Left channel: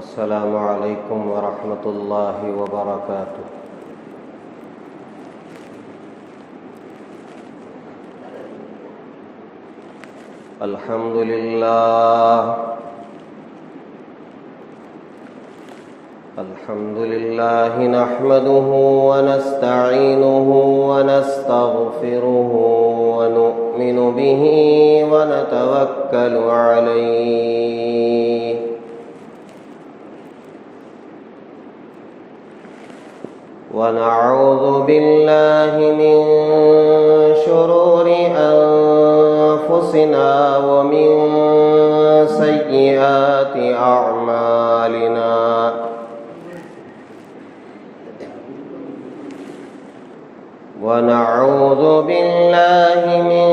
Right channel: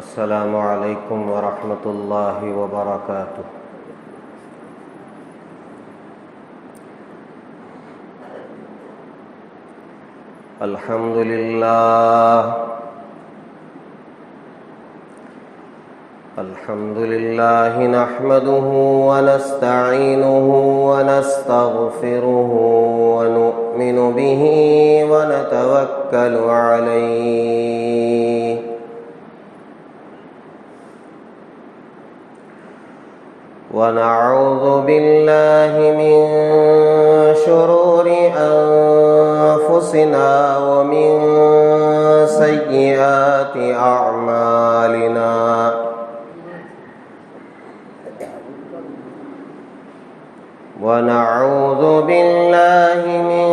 السلام علیکم ورحمۃ اللہ وبرکاتہ۔ الحمد للہ نحمده ونستعینه ونستغفره ونؤمن به ونتوکل علیہ ونعوذ باللہ من شرور انفسنا ومن سیئات اعمالنا ونعوذ باللہ من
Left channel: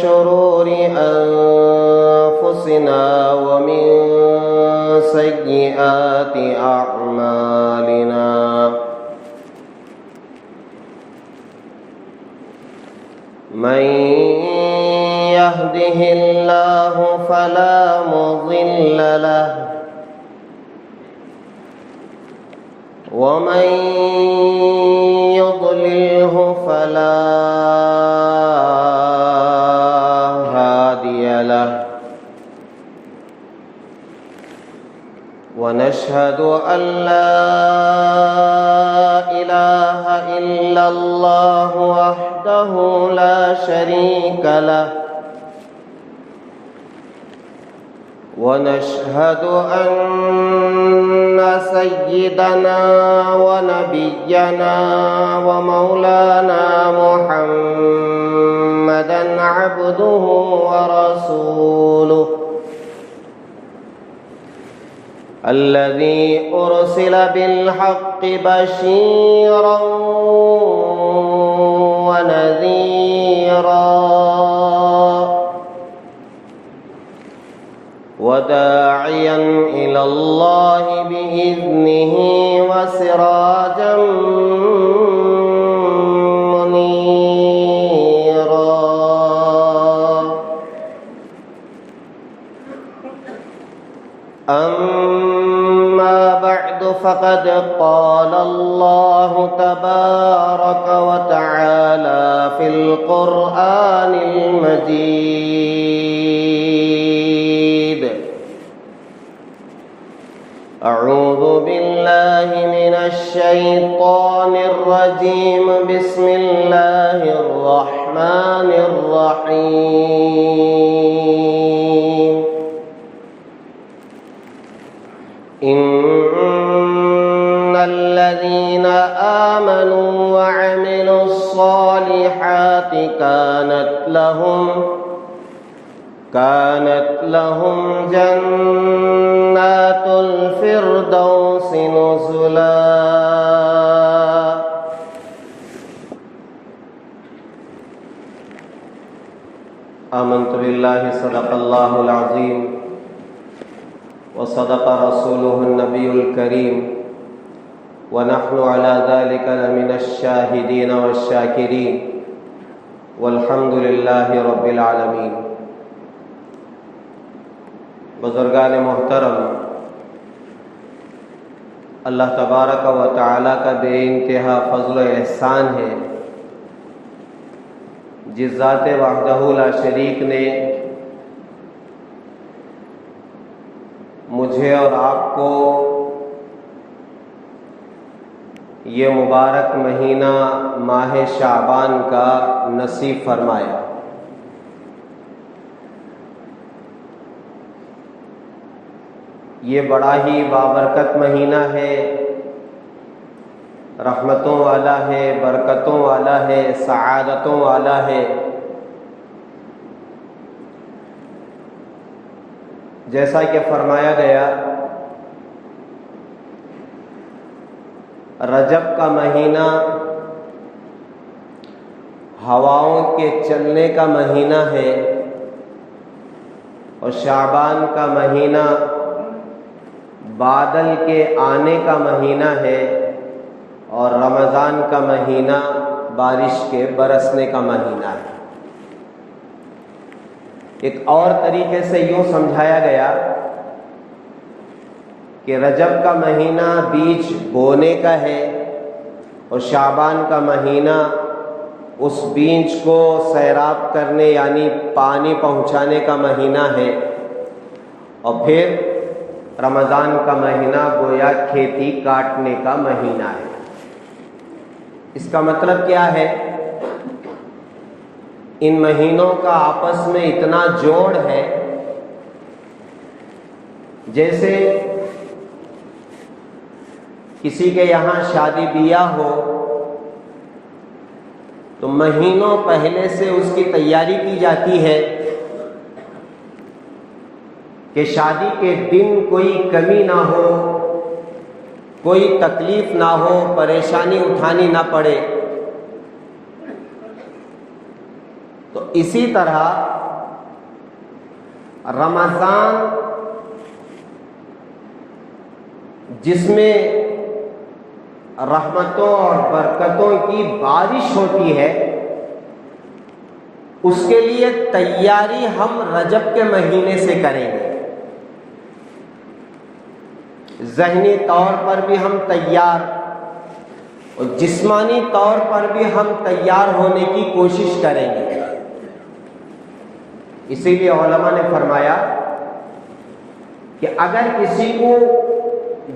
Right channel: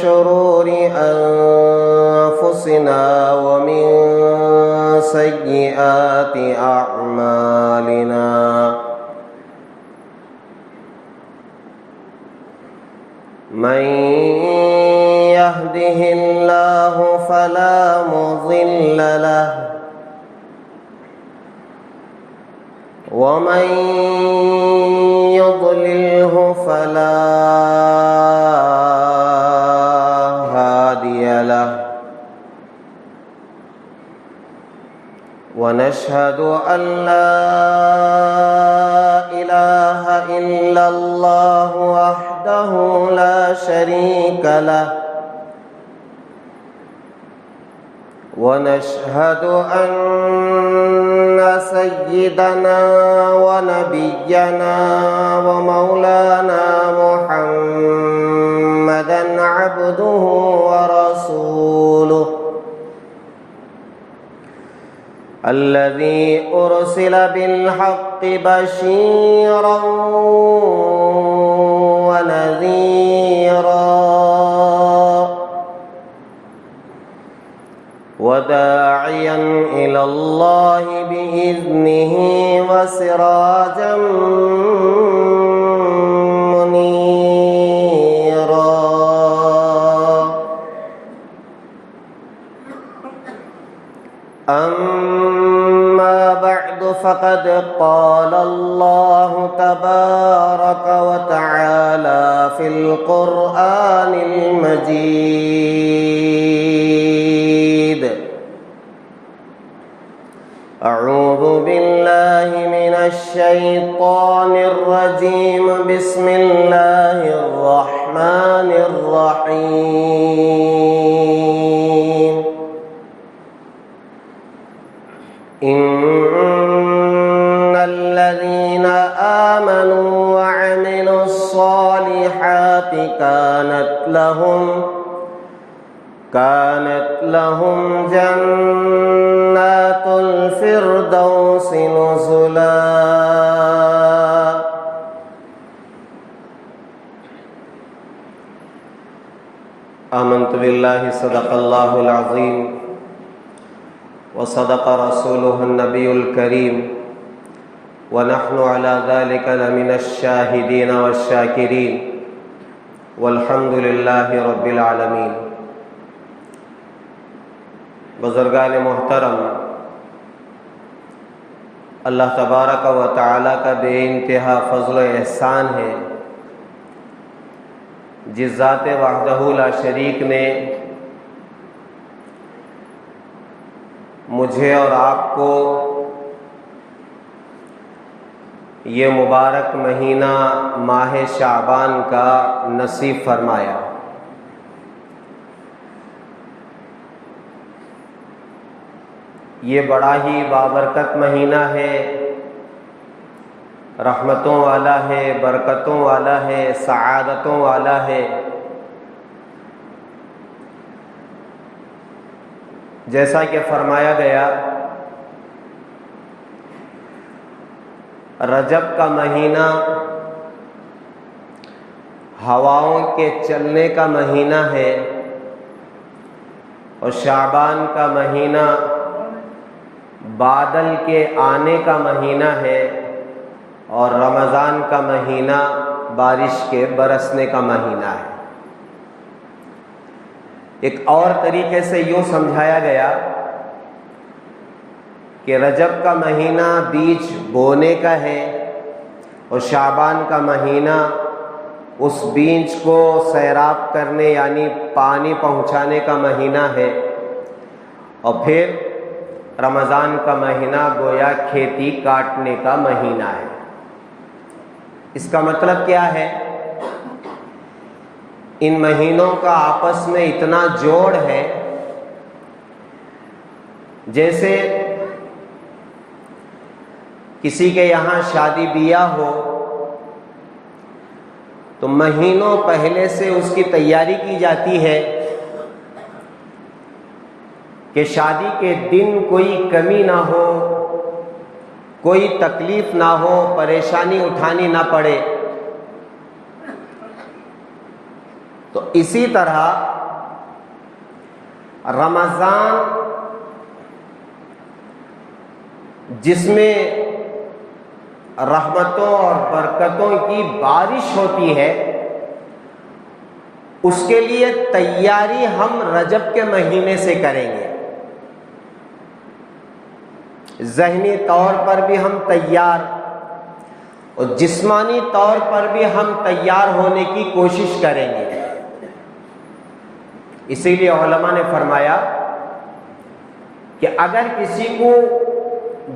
شرور انفسنا ومن سیئات اعمالنا من يهده الله فلا مضل له ومن يضلله فلا هادي له ونشهد أن لا إله إلا الله وحده لا شريك له ونشهد أن سيدنا ونبينا ومولانا محمدا عبده ورسوله الذي أرسل بالحق بشيرا ونذيرا وداعيا إلى الله بإذنه وسراجا منيرا أما بعد فقد قال الله تبارك وتعالى في القرآن المجيد أعوذ بالله من الشيطان الرجيم بسم الله الرحمن الرحيم إن الذين آمنوا وعملوا الصالحات كانت لهم جنات الفردوس نزلا آمنت بالله صدق الله العظيم وصدق رسوله النبي الكريم ونحن على ذلك لمن الشاهدين والشاكرين والحمد لله رب العالمين۔ بزرگان محترم، اللہ تبارک و تعالی کا بے انتہا فضل و احسان ہے جس ذات وحدہ لا شریک نے مجھے اور آپ کو یہ مبارک مہینہ ماہ شعبان کا نصیب فرمایا۔ یہ بڑا ہی بابرکت مہینہ ہے، رحمتوں والا ہے، برکتوں والا ہے، سعادتوں والا ہے۔ جیسا کہ فرمایا گیا رجب کا مہینہ ہواؤں کے چلنے کا مہینہ ہے اور شعبان کا مہینہ بادل کے آنے کا مہینہ ہے اور رمضان کا مہینہ بارش کے برسنے کا مہینہ ہے۔ ایک اور طریقے سے یوں سمجھایا گیا کہ رجب کا مہینہ بیج بونے کا ہے اور شعبان کا مہینہ اس بیج کو سیراب کرنے یعنی پانی پہنچانے کا مہینہ ہے، اور پھر رمضان کا مہینہ گویا کھیتی کاٹنے کا مہینہ ہے۔ اس کا مطلب کیا ہے؟ ان مہینوں کا آپس میں اتنا جوڑ ہے جیسے کسی کے یہاں شادی بیاہ ہو تو مہینوں پہلے سے اس کی تیاری کی جاتی ہے کہ شادی کے دن کوئی کمی نہ ہو، کوئی تکلیف نہ ہو، پریشانی اٹھانی نہ پڑے۔ تو اسی طرح رمضان جس میں رحمتوں اور برکتوں کی بارش ہوتی ہے، اس کے لیے تیاری ہم رجب کے مہینے سے کریں گے۔ ذہنی طور پر بھی ہم تیار اور جسمانی طور پر بھی ہم تیار ہونے کی کوشش کریں گے۔ اسی لیے علماء نے فرمایا کہ اگر کسی کو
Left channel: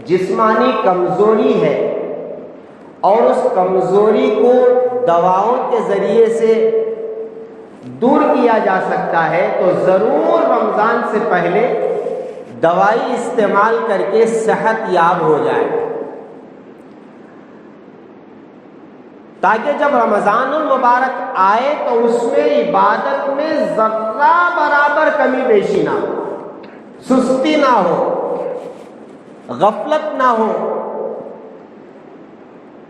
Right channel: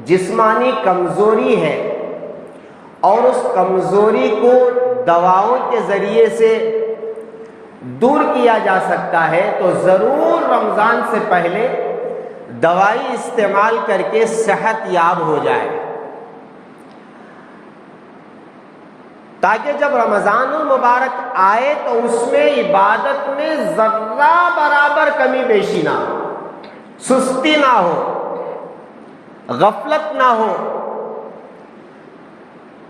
جسمانی کمزوری ہے اور اس کمزوری کو دواؤں کے ذریعے سے دور کیا جا سکتا ہے تو ضرور رمضان سے پہلے دوائی استعمال کر کے صحت یاب ہو جائے، تاکہ جب رمضان المبارک آئے تو اس میں عبادت میں ذرہ برابر کمی بیشی نہ ہو، سستی نہ ہو، غفلت نہ ہو،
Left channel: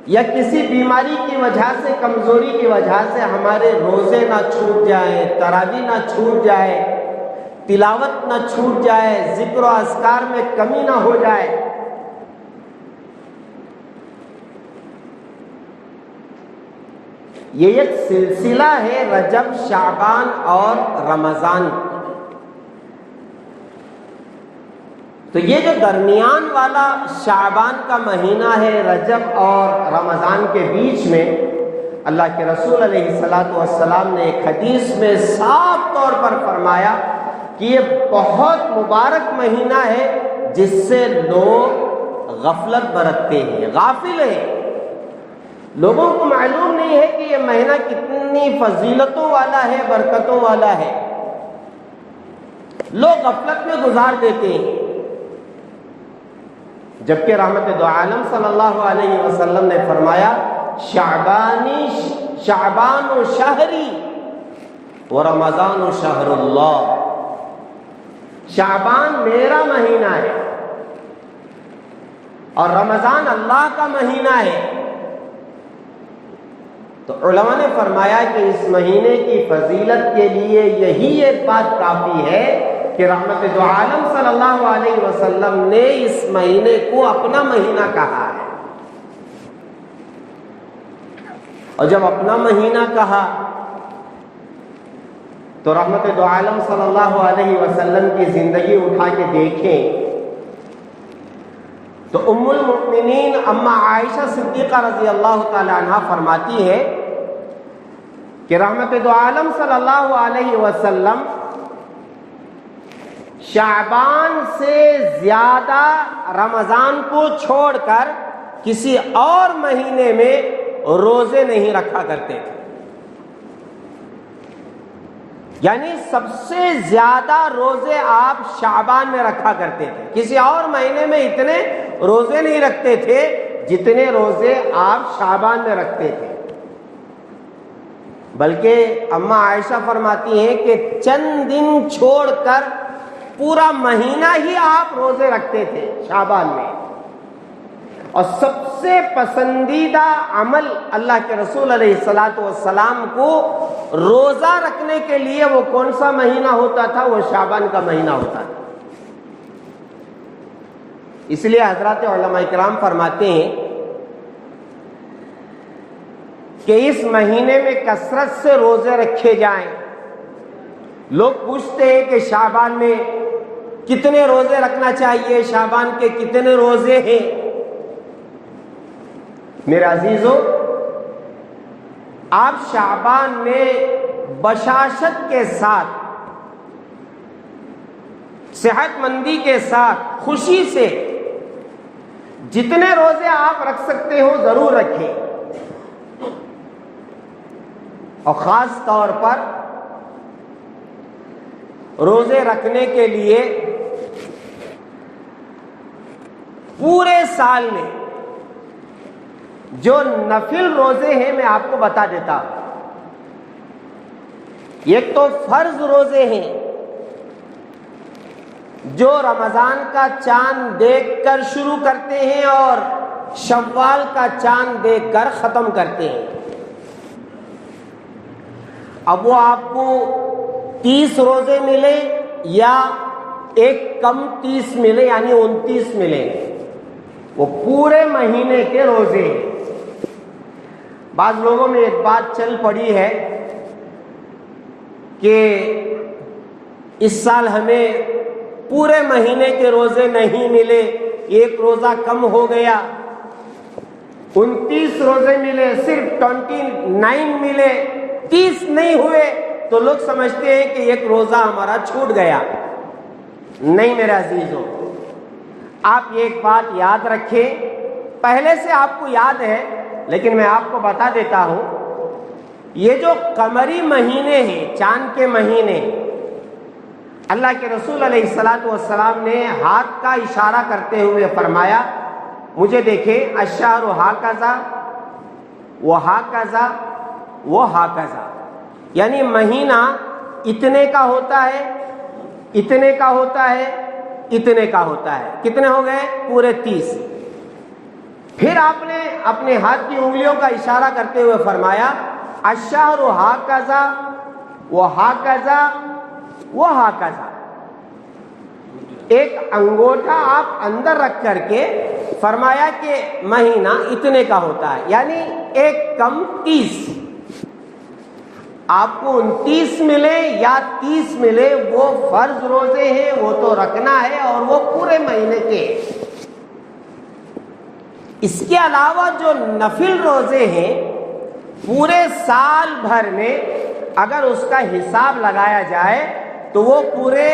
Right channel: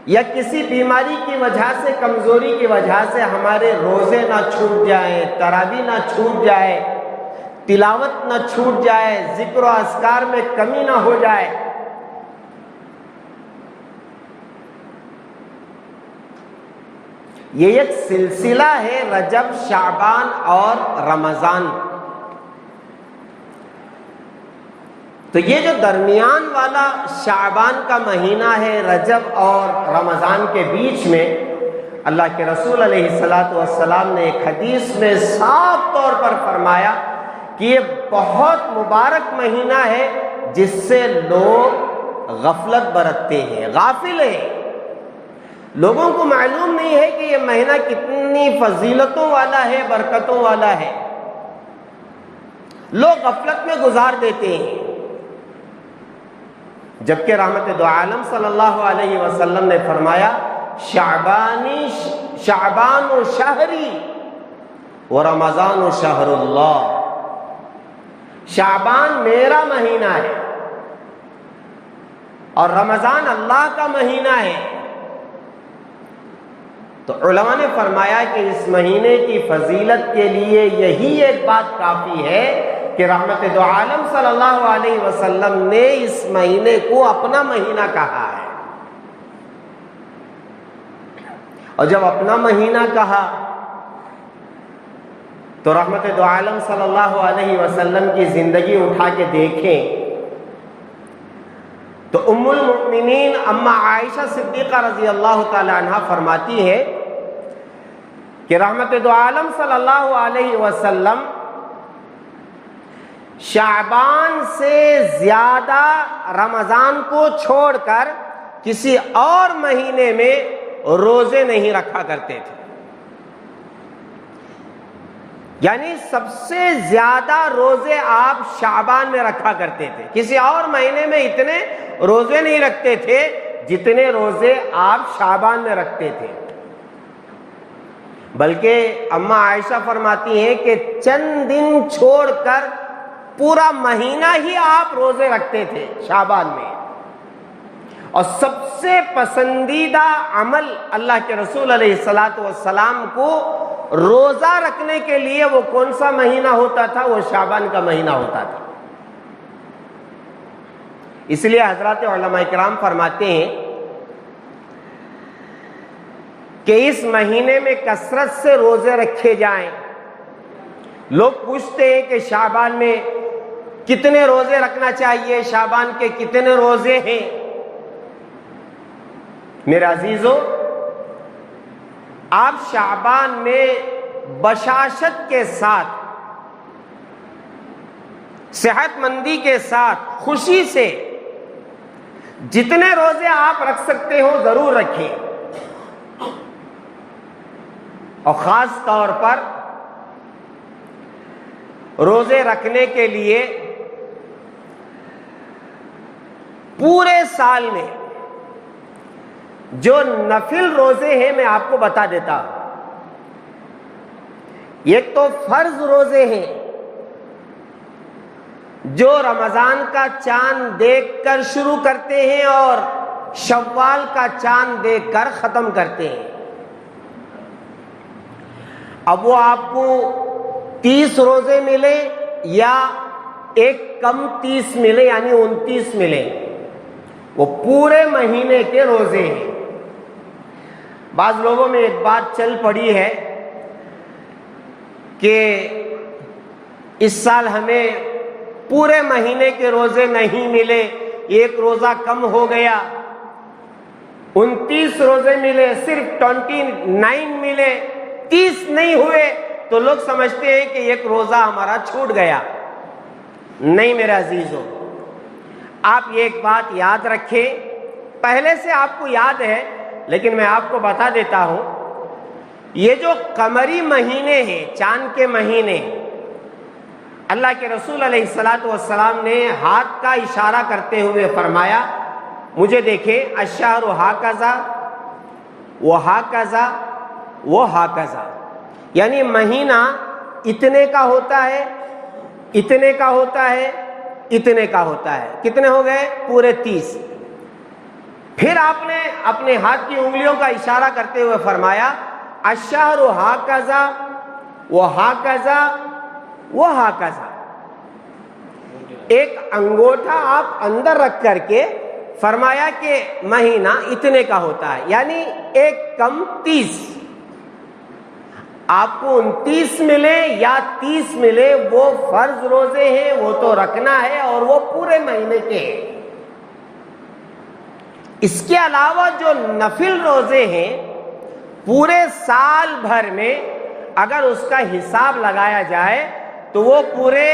یا کسی بیماری کی وجہ سے، کمزوری کی وجہ سے ہمارے روزے نہ چھوٹ جائیں، تراویح نہ چھوٹ جائے، تلاوت نہ چھوٹ جائے، ذکر و اذکار میں کمی نہ ہو جائے۔ یہ ایک سلسلہ ہے رجب، شعبان اور رمضان۔ تو یہ جو درمیان والا شعبان کا مہینہ ہے، رجب اور رمضان کے بیچ میں، اللہ کے رسول علیہ الصلوۃ والسلام نے ایک حدیث میں صاف طور پر فرمایا کہ یہ بہت مبارک مہینہ ہے جس سے لوگ غفلت برتتے ہیں، غافل ہیں۔ لوگوں کو معلوم نہیں ہے کہ یہ مہینہ کتنی فضیلتوں والا ہے، برکتوں والا ہے، لوگ غفلت میں گزار دیتے ہیں، جبکہ رحمت دو عالم صلی اللہ علیہ وسلم نے فرمایا شعبان و شہری و رمضان و شہر اللہ، شعبان میرا مہینہ ہے اور رمضان اللہ کا مہینہ ہے۔ تو علماء نے فرمایا کہ اس مہینے کی فضیلت کے لیے یہی ایک بات کافی ہے کہ رحمت دو عالم صلی اللہ علیہ وسلم نے اس مہینے کو اپنا مہینہ کہا ہے، اور جب اپنا مہینہ کہا تو رحمت دو عالم صلی اللہ علیہ وسلم کی زندگی اٹھا کے دیکھیں تو ام المؤمنین اما عائشہ صدیقہ رضی اللہ تعالی عنہ فرماتی ہے کہ رحمت دو عالم صلی اللہ علیہ وسلم شعبان سے زیادہ رمضان کو چھوڑ کر کسی اور مہینے میں روزے نہیں رکھا کرتے تھے، یعنی سب سے زیادہ روزے آپ شعبان میں رکھا کرتے تھے، کسی اور مہینے میں اتنے روزے نہیں رکھتے تھے جتنے روزے آپ شعبان میں رکھتے تھے۔ بلکہ اما عائشہ فرماتی ہیں کہ چند دن چھوڑ کر پورا مہینہ ہی آپ روزے رکھتے تھے شعبان میں، اور سب سے پسندیدہ عمل اللہ کے رسول علیہ السلام کو روزہ رکھنے کے لیے وہ کون سا مہینہ ہوتا تھا؟ وہ شعبان کا مہینہ ہوتا تھا۔ اس لیے حضرات علماء کرام فرماتے ہیں کہ اس مہینے میں کثرت سے روزے رکھے جائیں۔ لوگ پوچھتے ہیں کہ شعبان میں کتنے روزے رکھنا چاہیے، شعبان کے کتنے روزے ہیں؟ میرے عزیزوں، آپ شعبان میں بشاشت کے ساتھ، صحت مندی کے ساتھ، خوشی سے جتنے روزے آپ رکھ سکتے ہو ضرور رکھیں، اور خاص طور پر روزے رکھنے کے لیے پورے سال میں جو نفل روزے ہیں میں آپ کو بتا دیتا ہوں۔ ایک تو فرض روزے ہیں جو رمضان کا چاند دیکھ کر شروع کرتے ہیں اور شوال کا چاند دیکھ کر ختم کرتے ہیں۔ اب وہ آپ کو 30 روزے ملے یا ایک کم 30 ملے یعنی 29 ملے، وہ پورے مہینے کے روزے ہیں۔ بعض لوگوں میں ایک بات چل پڑی ہے کہ اس سال ہمیں پورے مہینے کے روزے نہیں ملے، ایک روزہ کم ہو گیا، 29 روزے ملے، صرف 29 ملے، 30 نہیں ہوئے، تو لوگ سمجھتے ہیں کہ ایک روزہ ہمارا چھوٹ گیا۔ نہیں میرے عزیزوں، آپ یہ ایک بات یاد رکھیں، پہلے سے آپ کو یاد ہے لیکن میں آپ کو بتا دیتا ہوں، یہ جو قمری مہینے ہیں، چاند کے مہینے، اللہ کے رسول علیہ السلام نے ہاتھ کا اشارہ کرتے ہوئے فرمایا، مجھے دیکھیں، الشہر ہاکذا وہاکذا وہاکذا، یعنی مہینہ اتنے کا ہوتا ہے، اتنے کا ہوتا ہے، اتنے کا ہوتا ہے، کتنے ہو گئے؟ پورے 30۔ پھر آپ نے اپنے ہاتھ کی انگلیوں کا اشارہ کرتے ہوئے فرمایا، الشہر ہاکذا وہاکذا وہاکذا، ایک انگوٹھا آپ اندر رکھ کر کے فرمایا کہ مہینہ اتنے کا ہوتا ہے، یعنی ایک کم 30۔ آپ کو 29 ملے یا 30 ملے، وہ فرض روزے ہیں، وہ تو رکھنا ہے، اور وہ پورے مہینے کے ہیں۔ اس کے علاوہ جو نفل روزے ہیں، پورے سال بھر میں اگر اس کا حساب لگایا جائے تو وہ پورے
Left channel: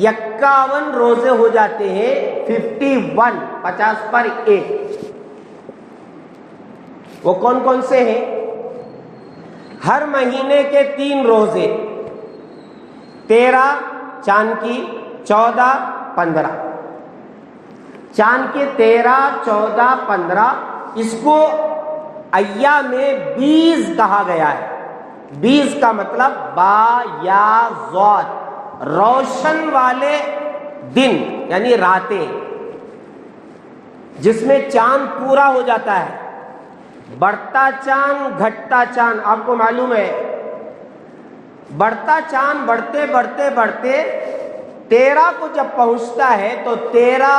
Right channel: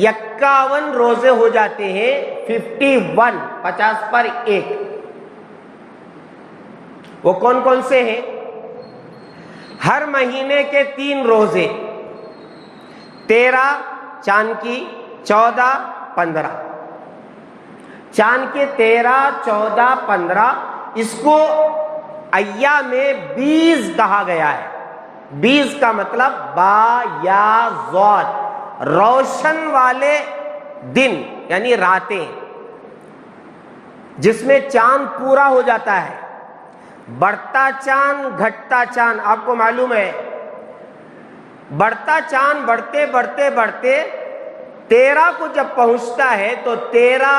51 روزے ہو جاتے ہیں، 51، 50 پر 1۔ وہ کون کون سے ہیں؟ ہر مہینے کے 3 روزے، 13 چاند کی، 14 15، چاند کے 13 14 15، اس کو ایام 20 کہا گیا ہے۔ 20 کا مطلب با یا ضاد، روشن والے دن یعنی راتیں، جس میں چاند پورا ہو جاتا ہے، بڑھتا چاند گھٹتا چاند۔ آپ کو معلوم ہے بڑھتا چاند بڑھتے بڑھتے بڑھتے 13 کو جب پہنچتا ہے تو 13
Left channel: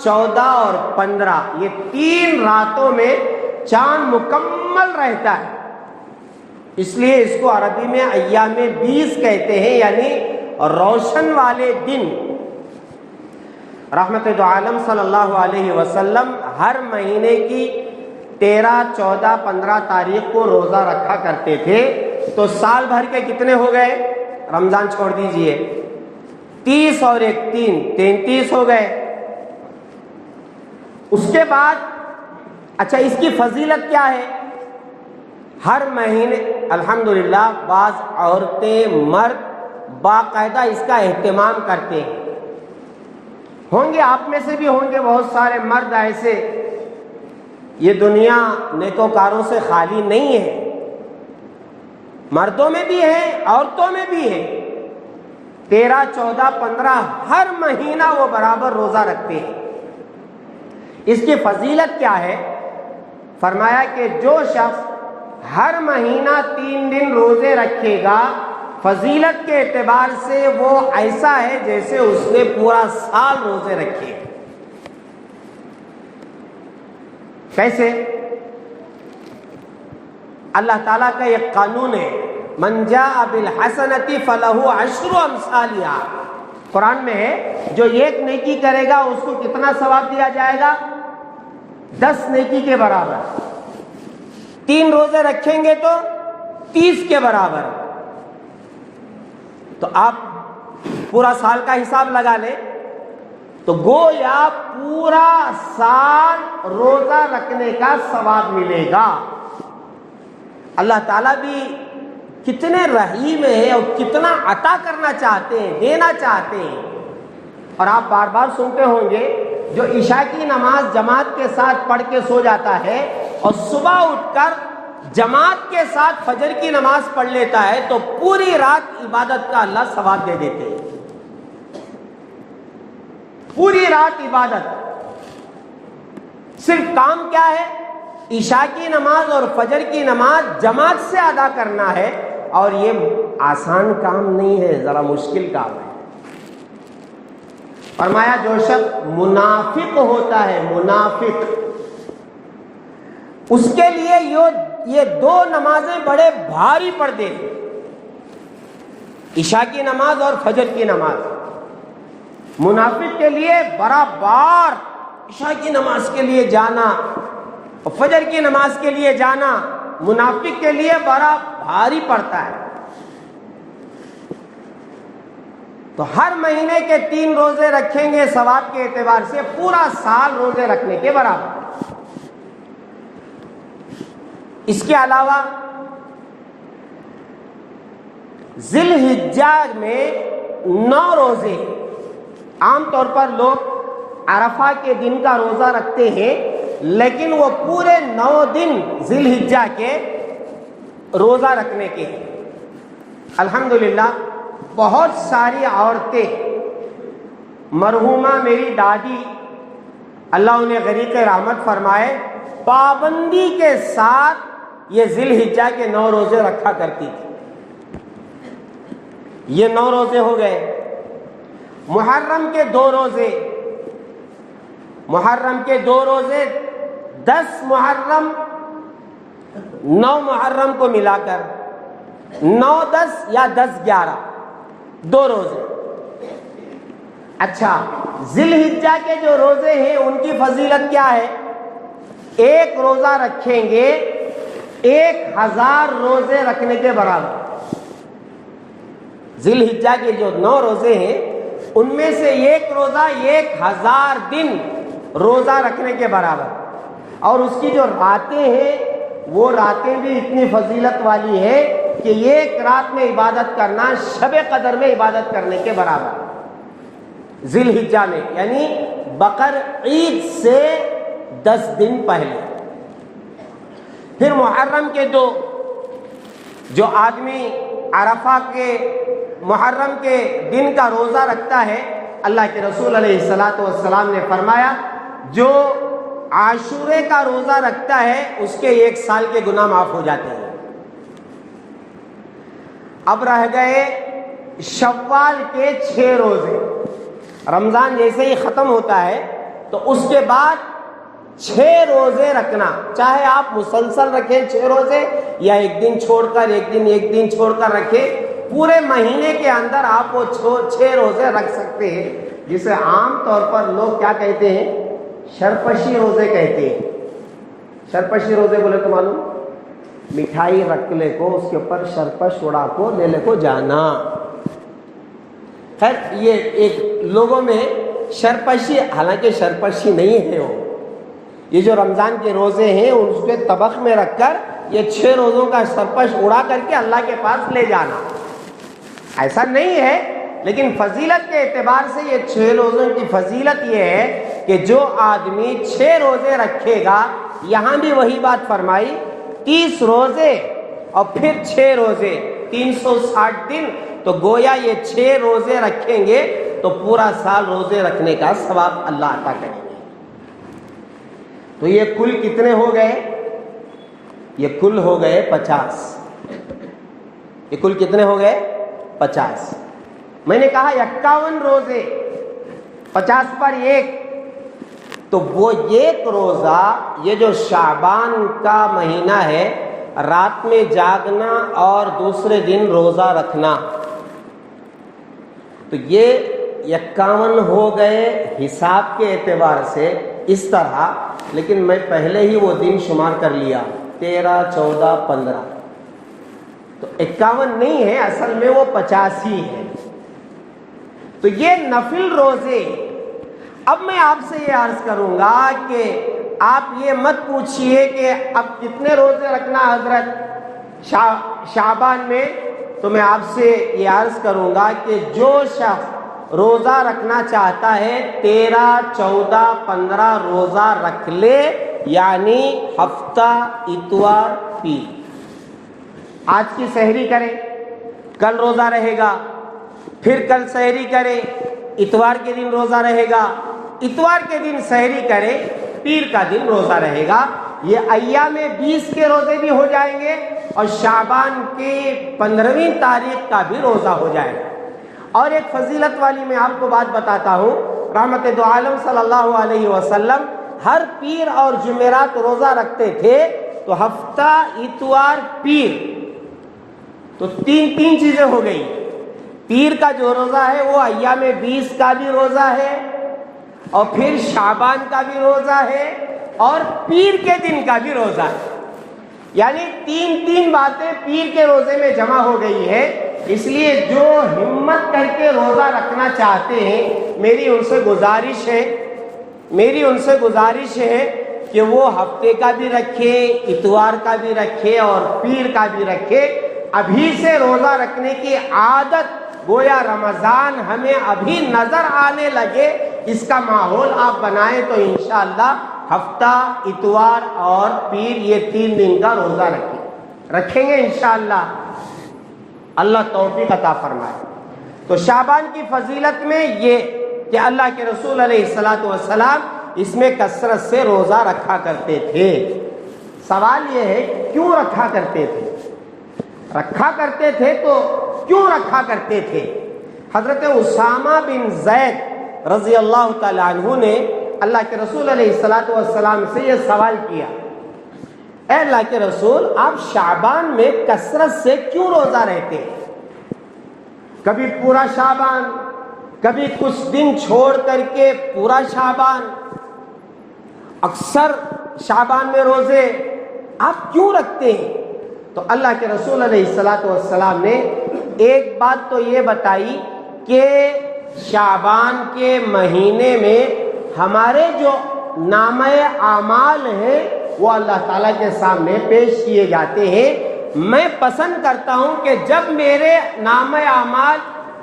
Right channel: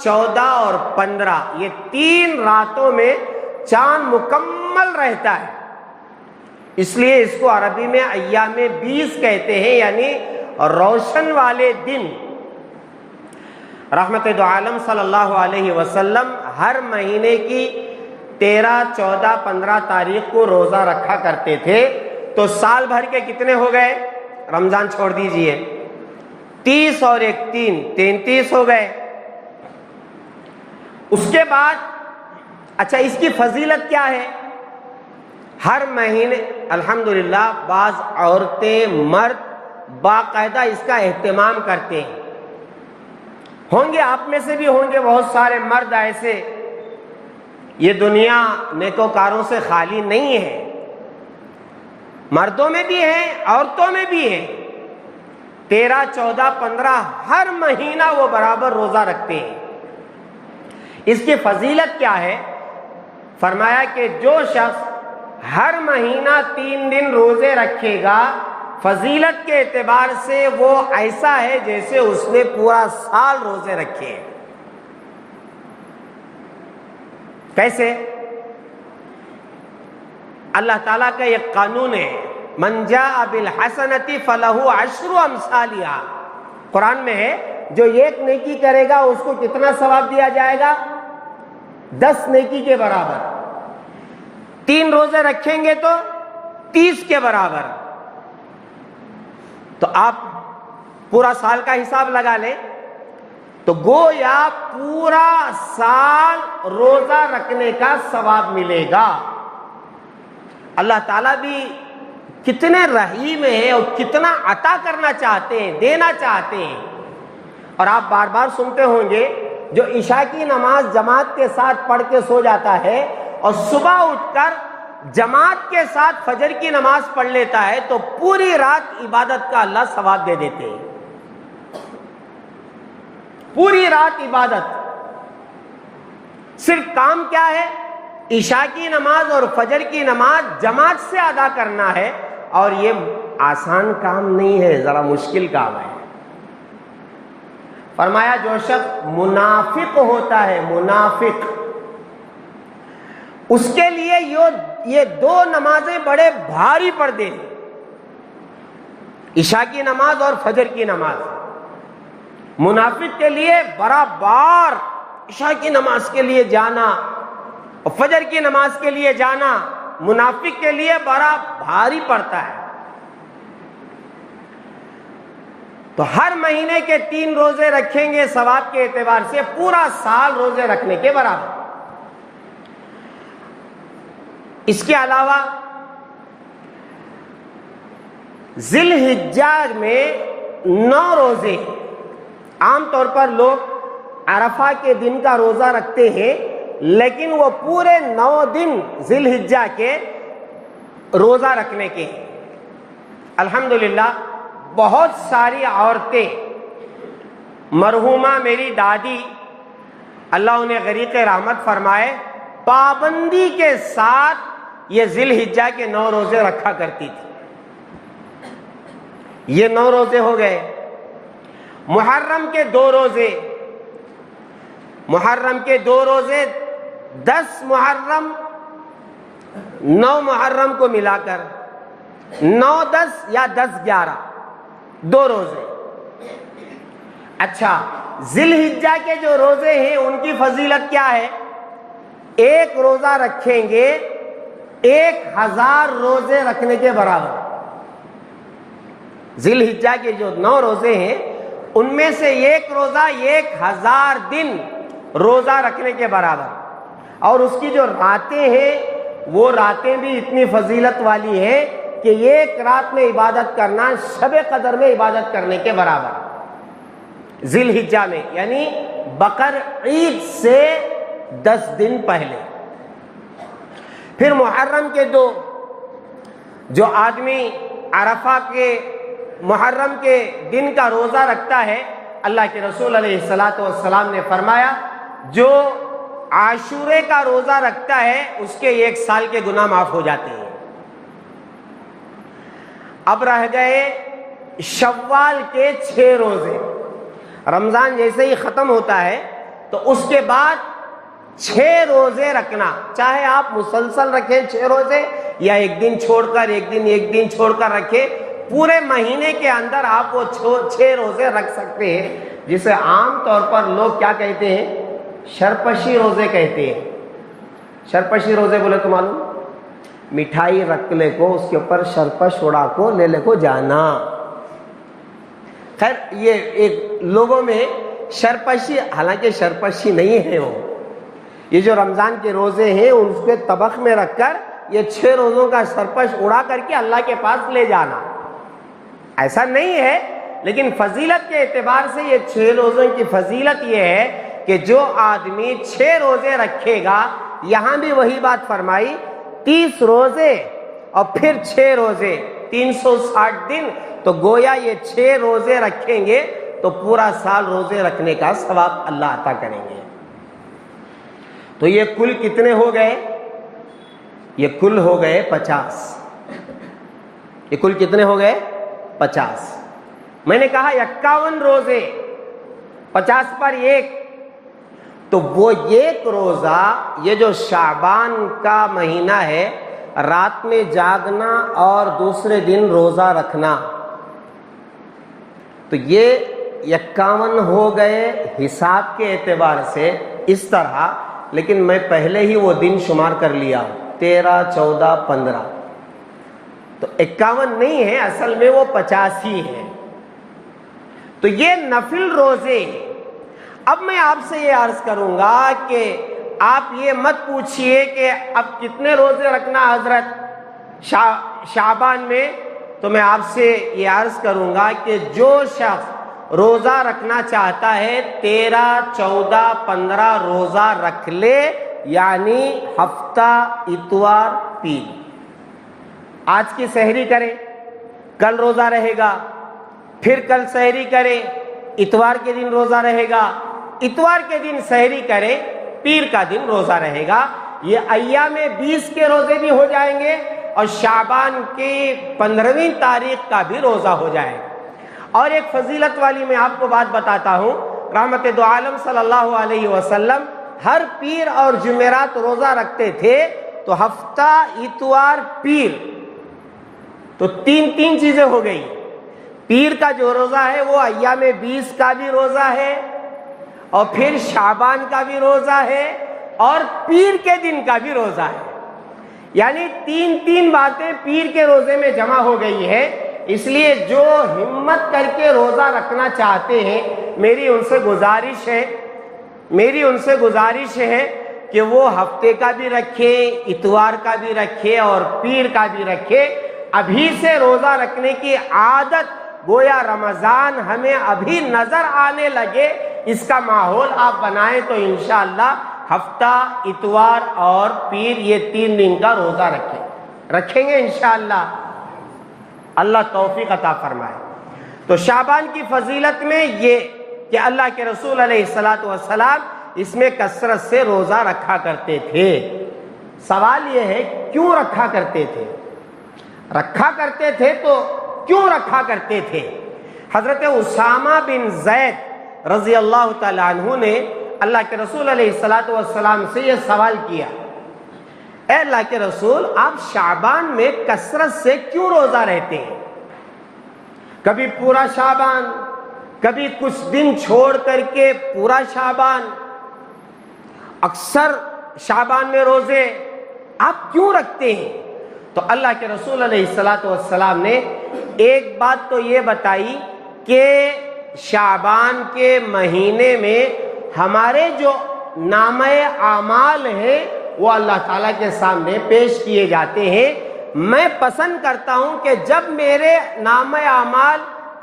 14 اور 15، یہ 3 راتوں میں چاند مکمل رہتا ہے، اس لیے اس کو عربی میں ایام 20 کہتے ہیں، یعنی روشن والے دن۔ رحمت دو عالم صلی اللہ علیہ وسلم ہر مہینے کی 13 14 15 تاریخ کو روزہ رکھا کرتے تھے، تو سال بھر کے کتنے ہو گئے؟ رمضان چھوڑ دیجئے، 30 اور 1 3، 33 ہو گئے۔ اس کے بعد اچھا، اس کی فضیلت کیا ہے؟ ہر مہینے الحمدللہ بعض عورتیں مرد باقاعدہ اس کا اہتمام کرتے ہیں، ہوں گے آپ میں سے بھی ہوں گے بہت سارے مرد ایسے، یہ دنیا نیکوکاروں سے خالی نہیں ہے، مردوں میں بھی ہے عورتوں میں بھی ہے، 13 14 15 ہر مہینہ وہ برابر روزہ رکھتے ہیں۔ اس کی فضیلت کیا ہے؟ فرمایا کہ جو شخص ہر مہینہ 3 دن روزے رکھے گا، فضیلت کے اعتبار سے وہ ایسا ہے جیسے اس نے پورا سال روزے رکھے۔ کیسے؟ اللہ تعالیٰ کا ایک قانون ہے، من جاء بالحسنۃ فلہ عشر امثالھا، قرآن میں ہے جو ایک نیکی کرے گا اس کو کتنا ثواب دیا جائے گا؟ 10 نیکی کے برابر. 3 روزے رکھیں گے تو 30 کے برابر. تو آپ پورا سال کا حساب لگا لیں تو گویا پورا سال روزہ رکھنے کا ثواب ملے گا. اللہ تعالیٰ بھی کتنے رحیم ہیں اور کتنا عطا کرنا چاہتے ہیں، دینا چاہتے ہیں. اور آپ بار بار سنتے ہوں گے جو عشاء کی نماز جماعت کے ساتھ پڑھ کے سو جاتا ہے اور صبح اٹھ کر جماعت کے ساتھ فجر کی نماز پڑھ لیتا ہے تو پوری رات عبادت کا اللہ ثواب دے دیتے ہیں. پوری رات عبادت. صرف کام کیا ہے؟ عشاء کی نماز اور فجر کی نماز جماعت سے ادا کرنا ہے. اور یہ آسان کام نہیں ہے، ذرا مشکل کام ہے. فرمایا جو شخص منافق ہوتا ہے، منافق، اس کے لیے یہ 2 نمازیں بڑے بھاری پڑ دیں، عشاء کی نماز اور فجر کی نماز. منافق کے لیے برابر عشاء کی نماز کے لیے جانا اور فجر کی نماز کے لیے جانا منافق کے لیے بڑا بھاری پڑتا ہے. تو ہر مہینے کے 3 روزے رکھیں گے ثواب کے اعتبار سے پورا سال روزے رکھنے کے برابر. اس کے علاوہ ذی الحجہ میں 9 روزے. عام طور پر لوگ عرفہ کے دن کا روزہ رکھتے ہیں لیکن وہ پورے 9 دن ذی الحجہ کے روزہ رکھنے کے. الحمدللہ بہت ساری عورتیں، مرحومہ میری دادی اللہ انہیں غریق رحمت فرمائے، پابندی کے ساتھ یہ ذی الحجہ کے 9 روزے رکھا کرتی تھی. یہ 9 روزے ہو گئے. محرم کے 2 روزے، محرم کے 2 روزے 10 محرم 9 محرم کو ملا کر 9-10 یا 10-11 2 روزے. اچھا، ذی الحجہ کے جو روزے ہیں ان کی فضیلت کیا ہے؟ 1 روزہ رکھیں گے 1000 روزے رکھنے کے برابر. ذی الحجہ کے جو 9 روزے ہیں ان میں سے 1 روزہ 1000 دن روزہ رکھنے کے برابر. اور اس کی جو راتیں ہیں وہ راتیں بھی اتنی فضیلت والی ہے کہ 1 رات میں عبادت کرنا شب قدر میں عبادت کرنے کے برابر. ذی الحجہ میں یعنی بقر عید سے 10 دن پہلے. پھر محرم کے 2، جو آدمی عرفہ کے محرم کے دن کا روزہ رکھتا ہے، اللہ کے رسول علیہ السلام نے فرمایا جو عاشورے کا روزہ رکھتا ہے اس کے 1 سال کے گناہ معاف ہو جاتے ہیں. اب رہ گئے شوال کے 6 روزے. رمضان جیسے ہی ختم ہوتا ہے تو اس کے بعد 6 روزے رکھنا، چاہے آپ مسلسل رکھیں 6 روزے یا ایک دن چھوڑ کر ایک دن چھوڑ کر رکھیں، پورے مہینے کے اندر آپ وہ 6 روزے رکھ سکتے ہیں، جسے عام طور پر لوگ کیا کہتے ہیں؟ شرپشی روزے کہتے ہیں. شرپشی روزے بولے تو معلوم، مٹھائی رکھ لے کو اس کے اوپر شرپش اڑا کو لے لے کو جانا. خیر یہ ایک لوگوں میں شرپشی، حالانکہ شرپشی نہیں ہے وہ، یہ جو رمضان کے روزے ہیں اس کے طبق میں رکھ کر یہ 6 روزوں کا شرپش اڑا کر کے اللہ کے پاس لے جانا، ایسا نہیں ہے. لیکن فضیلت کے اعتبار سے یہ 6 روزوں کی فضیلت یہ ہے کہ جو آدمی 6 روزے رکھے گا، یہاں بھی وہی بات فرمائی، 30 روزے اور پھر 6 روزے 360 دن. تو گویا یہ 6 روزے رکھیں گے تو پورا سال روزے رکھنے کا ثواب اللہ عطا کریں گے. تو یہ کل کتنے ہو گئے؟ یہ کل ہو گئے 50. یہ کل کتنے ہو گئے؟ 50. میں نے کہا 51 روزے 50 پر 1، تو وہ 1 روزہ یہ جو شعبان کا مہینہ ہے، رات میں جاگنا اور دوسرے دن روزہ رکھنا، تو یہ 51 ہو گئے حساب کے اعتبار سے اس طرح، لیکن میں پہلے ہی وہ دن شمار کر لیا 13 14 15، تو 51 نہیں ہے، اصل میں وہ 85 ہے۔ تو یہ نفل روزے۔ اب میں آپ سے یہ عرض کروں گا کہ آپ یہ مت پوچھئے کہ اب کتنے روزے رکھنا حضرت شعبان میں، تو میں آپ سے یہ عرض کروں گا کہ جو شخص روزہ رکھنا چاہتا ہے 13 14 15 روزہ رکھ لے، یعنی ہفتہ اتوار پیر۔ آج کی سحری کرے، کل روزہ رہے گا، پھر کل سحری کرے، اتوار کے دن روزہ رہے گا، اتوار کے دن سحری کرے، پیر کا دن روزہ رہے گا۔ یہ ایام 20 کے روزے بھی ہو جائیں گے اور شعبان کی 15ویں تاریخ کا بھی روزہ ہو جائے گا۔ اور ایک فضیلت والی میں آپ کو بات بتاتا ہوں، رحمت دو عالم صلی اللہ علیہ وسلم ہر پیر اور جمعرات روزہ رکھتے تھے، تو ہفتہ اتوار پیر، تو تین چیزیں ہو گئی۔ پیر کا جو روزہ ہے وہ ایام 20 کا بھی روزہ ہے، اور پھر شعبان کا بھی روزہ ہے، اور پیر کے دن کا بھی روزہ ہے۔ یعنی تین باتیں پیر کے روزے میں جمع ہو گئی ہے۔ اس لیے جو ہمت کر کے روزہ رکھنا چاہتے ہیں، میری ان سے گزارش ہے کہ وہ ہفتے کا بھی رکھے، اتوار کا بھی رکھے اور پیر کا بھی رکھے۔ ابھی سے روزہ رکھنے کی عادت، گویا رمضان ہمیں ابھی نظر آنے لگے، اس کا ماحول آپ بنائیں تو انشاءاللہ ہفتہ اتوار اور پیر یہ 3 دن کا روزہ رکھیں گے انشاءاللہ۔ اللہ توفیق عطا فرمائے۔ تو شعبان کی فضیلت میں یہ کہ اللہ کے رسول علیہ السلام اس میں کثرت سے روزہ رکھا کرتے تھے۔ سوال یہ ہے کیوں رکھا کرتے تھے؟ رکھا کرتے تھے تو کیوں رکھا کرتے تھے؟ حضرت اسامہ بن زید رضی اللہ تعالیٰ عنہ نے اللہ کے رسول علیہ السلام سے یہ سوال کیا، اے اللہ کے رسول، آپ شعبان میں کثرت سے کیوں روزہ رہتے ہیں؟ کبھی پورا شعبان، کبھی کچھ دن چھوڑ کر کے پورا شعبان، اکثر شعبان میں روزے آپ کیوں رکھتے ہیں؟ تو اللہ کے رسول علیہ السلام نے ایک بات تو یہ بتائی کہ شعبان کے مہینے میں ہمارے جو نامہ اعمال ہیں وہ اللہ تعالیٰ کے سامنے پیش کیے جاتے ہیں۔ میں پسند کرتا ہوں کہ جب میرے نامہ اعمال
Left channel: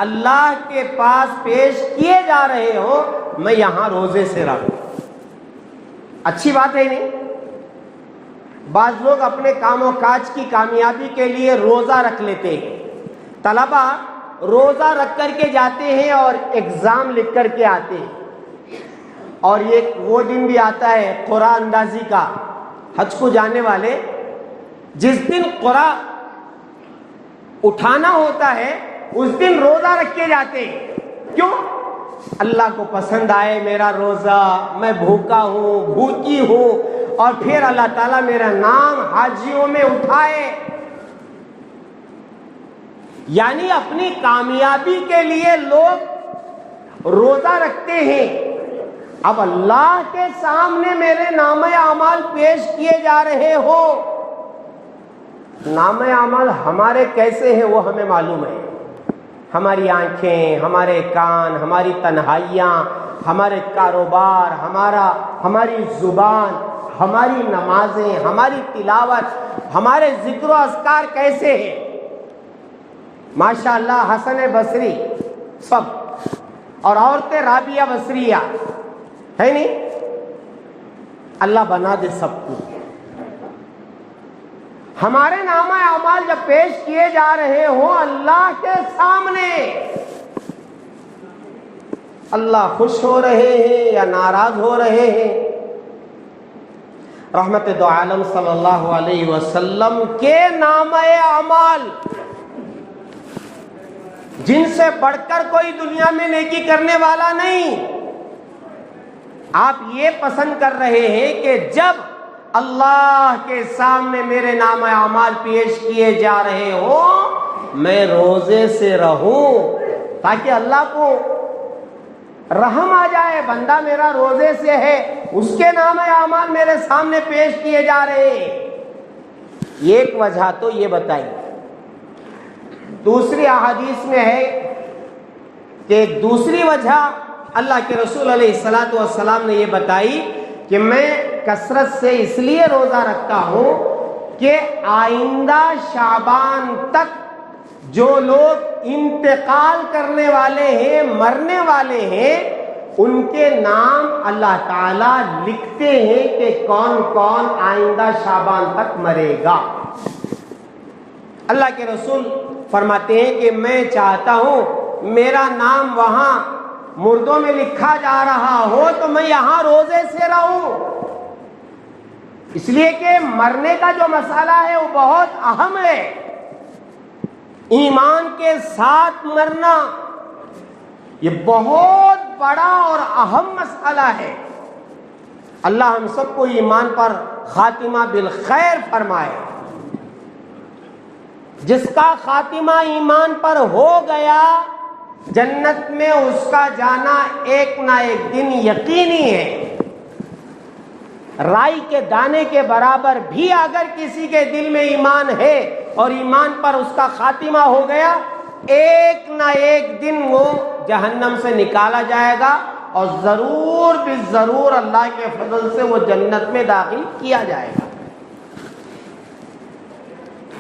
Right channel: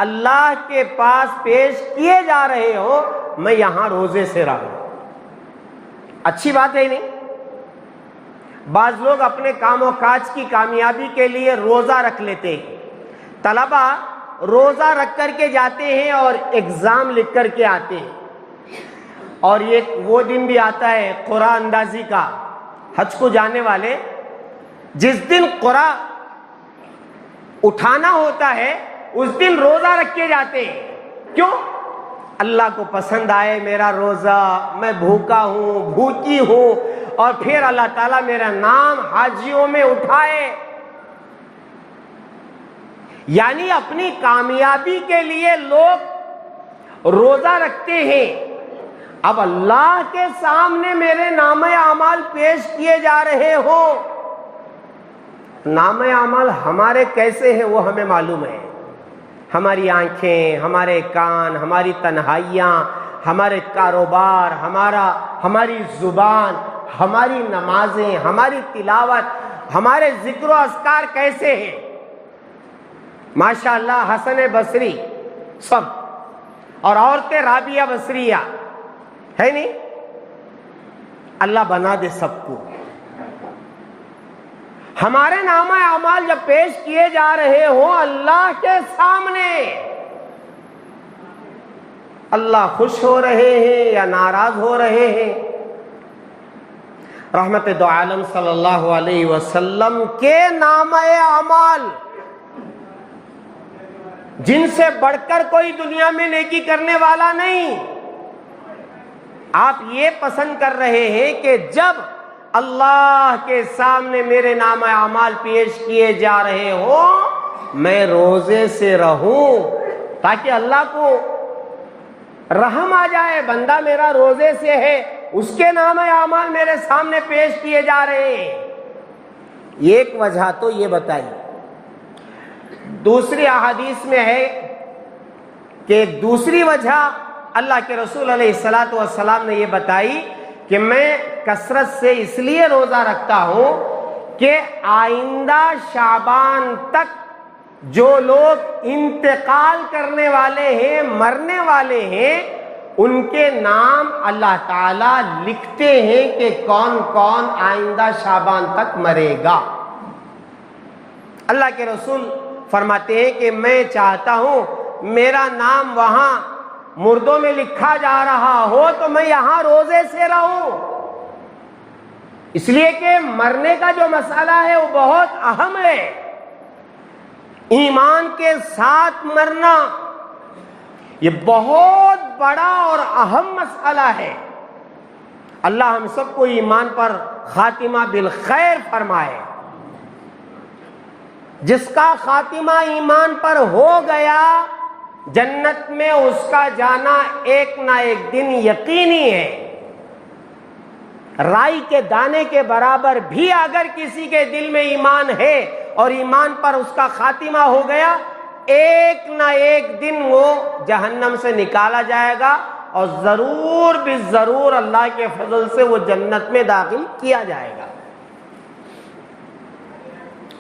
اللہ کے پاس پیش کیے جا رہے ہو، میں یہاں روزے سے رہوں۔ اچھی بات ہے نہیں؟ بعض لوگ اپنے کام و کاج کی کامیابی کے لیے روزہ رکھ لیتے ہیں۔ طلبہ روزہ رکھ کر کے جاتے ہیں اور ایگزام لکھ کر کے آتے ہیں، اور یہ وہ دن بھی آتا ہے قرآن اندازی کا، حج کو جانے والے جس دن قرآن اٹھانا ہوتا ہے اس دن روزہ رکھ کے جاتے ہیں۔ کیوں؟ اللہ کو پسند آئے میرا روزہ، میں بھوکا ہوں، بھوکی ہوں، اور پھر اللہ تعالیٰ میرا نام حاجیوں میں اٹھائے۔ یعنی اپنی کامیابی کے لیے لوگ روزہ رکھتے ہیں۔ اب اللہ کے سامنے میرے نامہ اعمال پیش کیے جا رہے ہو، نامہ اعمال ہمارے کیسے ہیں وہ ہمیں معلوم ہے۔ ہماری آنکھیں، ہمارے کان، ہماری تنہائیاں، ہمارے کاروبار، ہماری زبان، ہماری نمازیں، ہماری تلاوت، ہمارے ذکر و اذکار کیسے ہیں؟ ماشاءاللہ حسن بصری سب، اور عورتیں رابعہ بصریہ ہے نہیں؟ اللہ بنا دے سب کو۔ ہمارے نامہ اعمال جب پیش کیے جا رہے ہوں اللہ کے سامنے، اللہ خوش ہو رہے ہیں یا ناراض ہو رہے ہیں؟ رحمت دو عالم صلی اللہ علیہ وسلم کے نامہ اعمال جن سے بڑھ کر کوئی دنیا میں نیکی کرنے والا نہیں، آپ یہ پسند کر رہے ہیں کہ جب اللہ کے سامنے میرے نامہ اعمال پیش کیے جا رہے ہو میں روزے سے رہوں، تاکہ اللہ کو رحم آ جائے، بندہ میرا روزے سے ہے، اس کے نام اعمال میرے سامنے پیش کیے جا رہے ہیں۔ ایک وجہ تو یہ بتائی۔ دوسری احادیث میں ہے کہ دوسری وجہ اللہ کے رسول علیہ الصلوۃ والسلام نے یہ بتائی کہ میں کثرت سے اس لیے روزہ رکھتا ہوں کہ آئندہ شعبان تک جو لوگ انتقال کرنے والے ہیں، مرنے والے ہیں، ان کے نام اللہ تعالیٰ لکھتے ہیں کہ کون کون آئندہ شعبان تک مرے گا۔ اللہ کے رسول فرماتے ہیں کہ میں چاہتا ہوں میرا نام وہاں مردوں میں لکھا جا رہا ہو تو میں یہاں روزے سے رہوں، اس لیے کہ مرنے کا جو مسئلہ ہے وہ بہت اہم ہے۔ ایمان کے ساتھ مرنا یہ بہت بڑا اور اہم مسئلہ ہے۔ اللہ ہم سب کو ایمان پر خاتمہ بالخیر فرمائے۔ جس کا خاتمہ ایمان پر ہو گیا جنت میں اس کا جانا ایک نہ ایک دن یقینی ہے۔ رائی کے دانے کے برابر بھی اگر کسی کے دل میں ایمان ہے اور ایمان پر اس کا خاتمہ ہو گیا، ایک نہ ایک دن وہ جہنم سے نکالا جائے گا اور ضرور بالضرور اللہ کے فضل سے وہ جنت میں داخل کیا جائے گا۔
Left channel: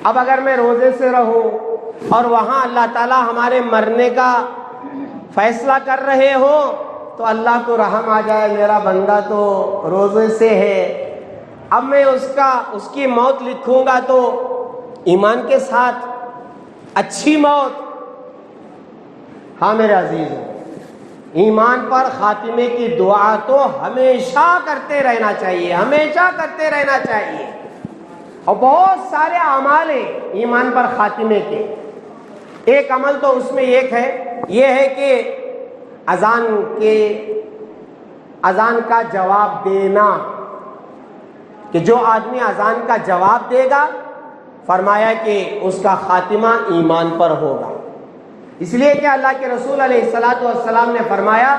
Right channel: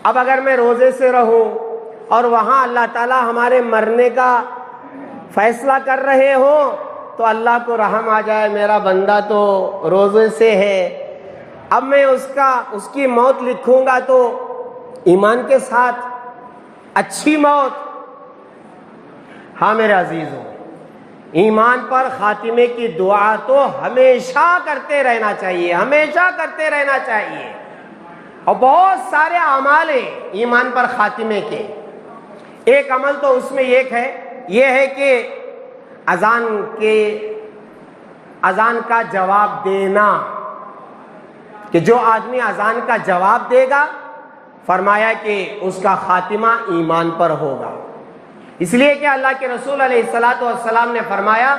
اب اگر میں روزے سے رہوں اور وہاں اللہ تعالیٰ ہمارے مرنے کا فیصلہ کر رہے ہو تو اللہ کو رحم آ جائے، میرا بندہ تو روزے سے ہے، اب میں اس کی موت لکھوں گا تو ایمان کے ساتھ اچھی موت۔ ہاں میرے عزیزوں، ایمان پر خاتمے کی دعا تو ہمیشہ کرتے رہنا چاہیے، ہمیشہ کرتے رہنا چاہیے۔ اور بہت سارے اعمال ہیں ایمان پر خاتمے کے۔ ایک عمل تو اس میں یہ ہے کہ اذان کا جواب دینا، کہ جو آدمی اذان کا جواب دے گا فرمایا کہ اس کا خاتمہ ایمان پر ہوگا، اس لیے کہ اللہ کے رسول علیہ الصلوۃ والسلام نے فرمایا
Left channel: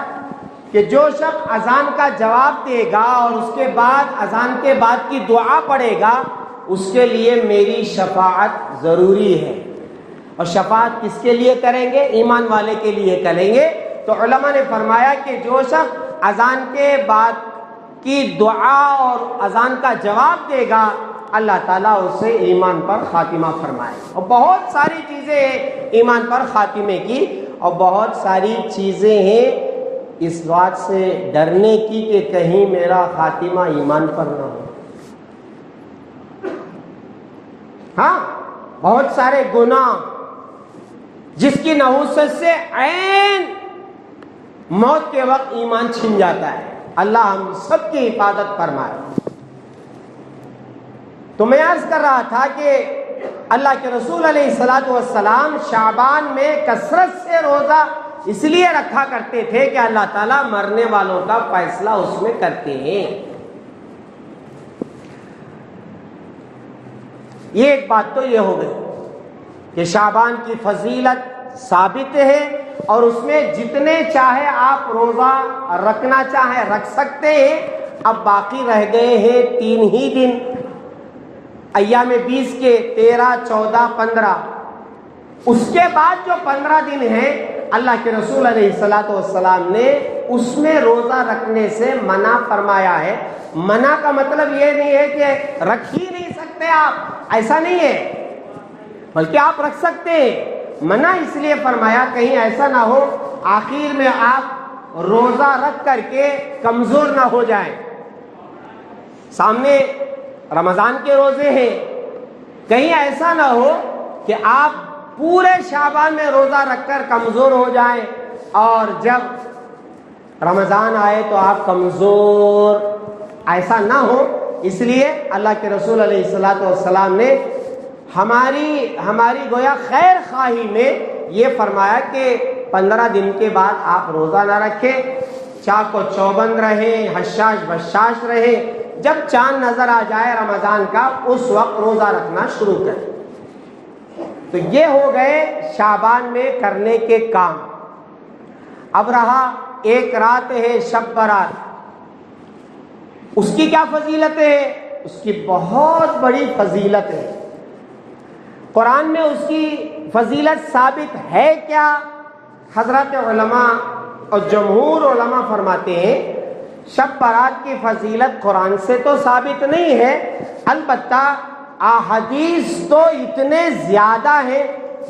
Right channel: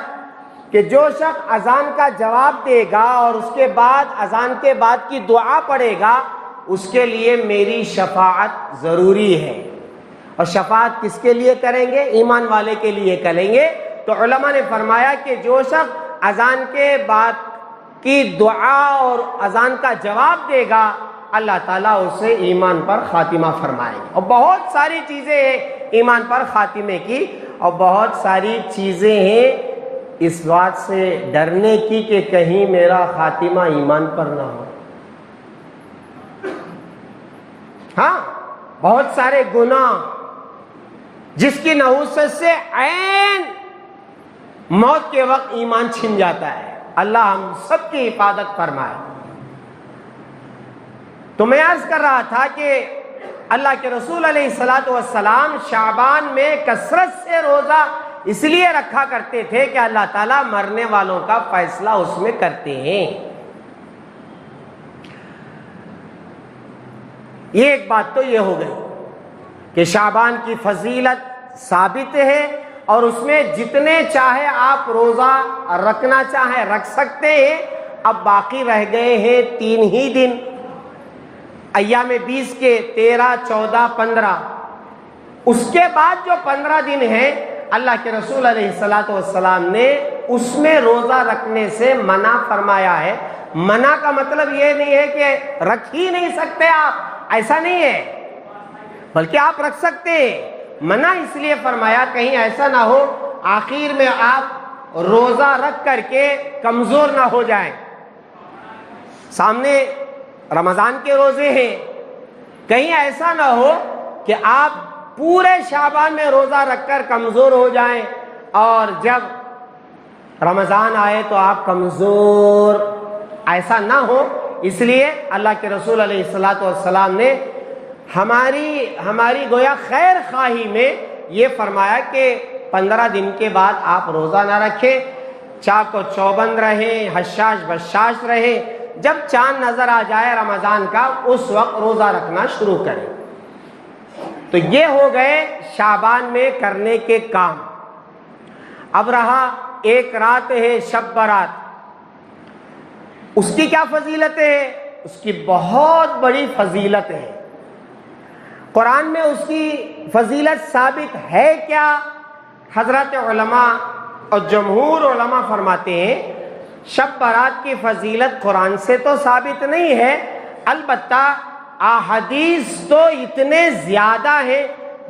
کہ جو شخص اذان کا جواب دے گا اور اس کے بعد اذان کے بعد کی دعا پڑھے گا اس کے لیے میری شفاعت ضروری ہے۔ اور شفاعت کس کے لیے کریں گے؟ ایمان والے کے لیے کریں گے۔ تو علماء نے فرمایا کہ جو شخص اذان کے بعد کی دعا اور اذان کا جواب دے گا اللہ تعالیٰ اسے ایمان پر خاتمہ فرمائے۔ اور بہت ساری چیزیں ہیں ایمان پر خاتمے کی، اور بہت ساری چیزیں ہیں اس بات سے ڈرنے کی کہ کہیں میرا خاتمہ ایمان پر نہ ہو۔ ہاں، بہت سارے گناہ جس کی نحوست سے عین موت کے وقت ایمان چھن جاتا ہے، اللہ ہم سب کی حفاظت فرمائے۔ تو میں عرض کر رہا تھا کہ اللہ کے رسول علیہ الصلوۃ والسلام شعبان میں کثرت سے روزہ اس لیے رکھا کرتے تھے کہ اللہ تعالیٰ مرنے والوں کا فیصلہ اس میں کرتے ہیں۔ یہ ایک بات تو یہ ہو گئی کہ شعبان کی فضیلت ثابت ہے اور اس میں جتنے چاہے آپ روزہ رکھنا چاہے رکھ سکتے ہیں۔ اب باقی رہ گئے ہیں 3 ہی دن، ایام 20 کے 13، 14، 15۔ اس کے بعد جو 15 دن ہیں اللہ کے رسول علیہ الصلوۃ والسلام نے اس میں روزہ رکھنے سے منع فرمایا ہے۔ منع کا مطلب یہ نہیں ہے کہ رکھ ہی نہیں سکتے آپ، ایسا نہیں ہے، بلکہ آپ رکھ سکتے ہیں۔ منع اس لیے فرمایا کہیں ایسا نہ ہو آخر میں آپ روزہ رکھ کر کے کمزور نہ ہو جائیں۔ سامنے رمضان کے روزے ہیں، کہیں ایسا نہ ہو کہ آپ پورے شعبان میں روزہ رکھ کر کمزور ہو جائیں اور جب رمضان آئے تو آپ کمزور، ایسا نہ ہو۔ اس لیے اللہ کے رسول علیہ الصلوۃ والسلام نے ہماری گویا خیر خواہی میں یہ فرمایا کہ 15 دن کے بعد آپ روزہ نہ رکھیں، چاق و چوبند رہیں، حشاش بشاش رہیں، جب چاند نظر آ جائے رمضان کا اس وقت روزہ رکھنا شروع کریں۔ تو یہ ہو گئے شعبان میں کرنے کے کام۔ اب رہا ایک رات ہے شب برات، اس کی کیا فضیلت ہے؟ اس کی بہت بڑی فضیلت ہے۔ قرآن میں اس کی فضیلت ثابت ہے کیا؟ حضرت علماء اور جمہور علماء فرماتے ہیں شب برات کی فضیلت قرآن سے تو ثابت نہیں ہے، البتہ احادیث تو اتنے زیادہ ہے،